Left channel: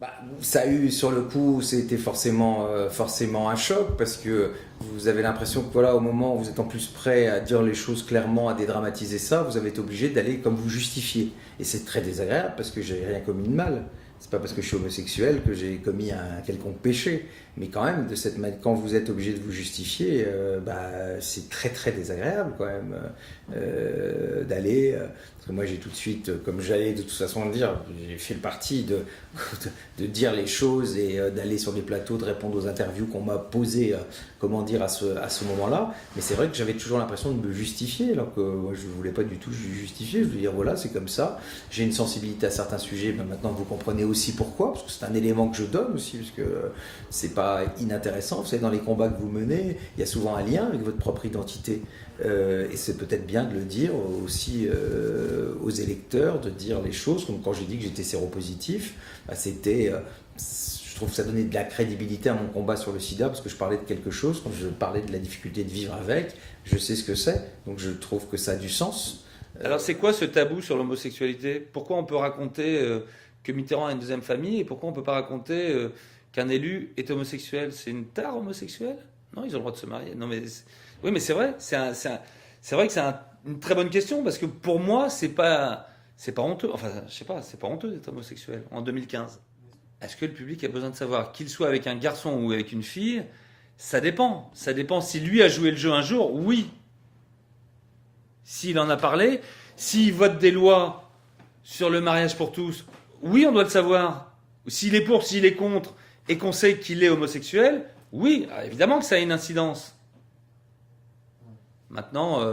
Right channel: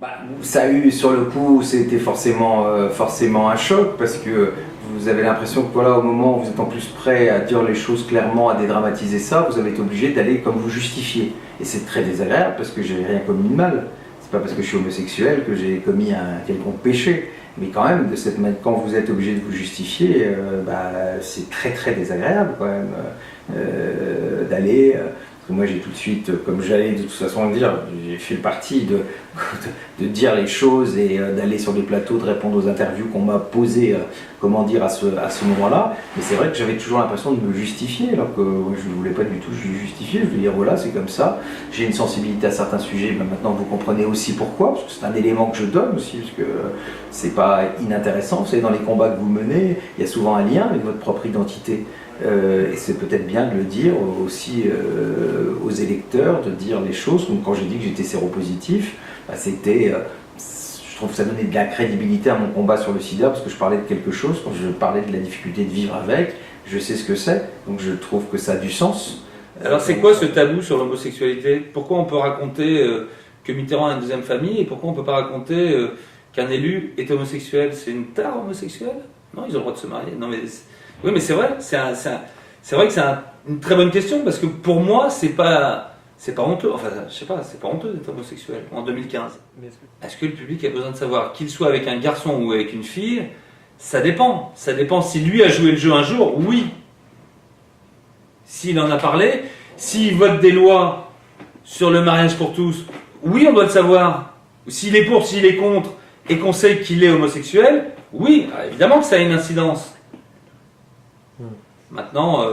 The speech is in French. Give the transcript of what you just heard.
Bah, ça a eu sur le coup, c'était forcément un choc parce que vous avez l'impression que voilà, au moment où vous êtes en plus prêt à dire les choses clairement, à dédramatiser ça, vous avez été obligé d'aller comme vous justifier. Et c'est très désagréable parce que j'ai rien commis de mal. C'est pas parce que je suis homosexuel que j'ai commis un quelconque péché. Mais quand même, quand vous êtes obligé de vous justifier, bah, c'est très très désagréable quand même d'aller. Parce que moi j'ai tout de suite, comme j'allais de toute façon le dire, j'ai fait le parti de dire les choses et d'aller sur les plateaux, de répondre aux interviews qu'on m'a posées, comment dire, à ce moment-là. Mais c'est vrai que j'avais toujours l'impression de me justifier, alors que je ne voulais pas du tout justifier. Je voulais dire voilà, c'est comme ça. J'ai une sensibilité à certains sujets, ben maintenant vous comprenez aussi pourquoi, parce que c'est un élément que je donne aussi, parce que c'est pas inintéressant. Vous savez, dans les combats que vous menez, il y a souvent un lien avec votre propre identité. Et c'est peut-être bien de le dire aussi aux électeurs, de dire les choses, comme quand j'ai dit que j'étais séropositif, bah, je trouve que ça donnait de la crédibilité à mon combat sur le sida, parce que je parlais de quelque chose, quand je parlais de la difficulté de vivre avec, je sais ce que c'est, donc je trouve que ça a du sens. Alors c'est quoi ce tabou sur l'homosexualité? Pourquoi on peut raconter que Mitterrand a une deuxième famille et pourquoi on ne peut pas raconter qu'un élu est homosexuel? C'est une tare homosexuelle? Non, ils ont le droit de se marier. Non, mais oui, mais c'est vrai, c'est vrai que c'est une très bonne question parce que pour moi, c'est pas honteux. Enfin, je sais pas, c'est pas honteux d'être homosexuel en 2015. Est-ce que le public a besoin de savoir qu'il soit avec un garçon ou avec une fille? Ça dépend. Ça dépend si lui a joué le jeu un jour, oui. S'il en a parlé, s'il vote des lois sur le mariage pour tous, oui, on doit le savoir. S'il est pour, s'il est contre, et qu'on sait qu'il est homosexuel, oui, évidemment que ça a une incidence. Maintenant,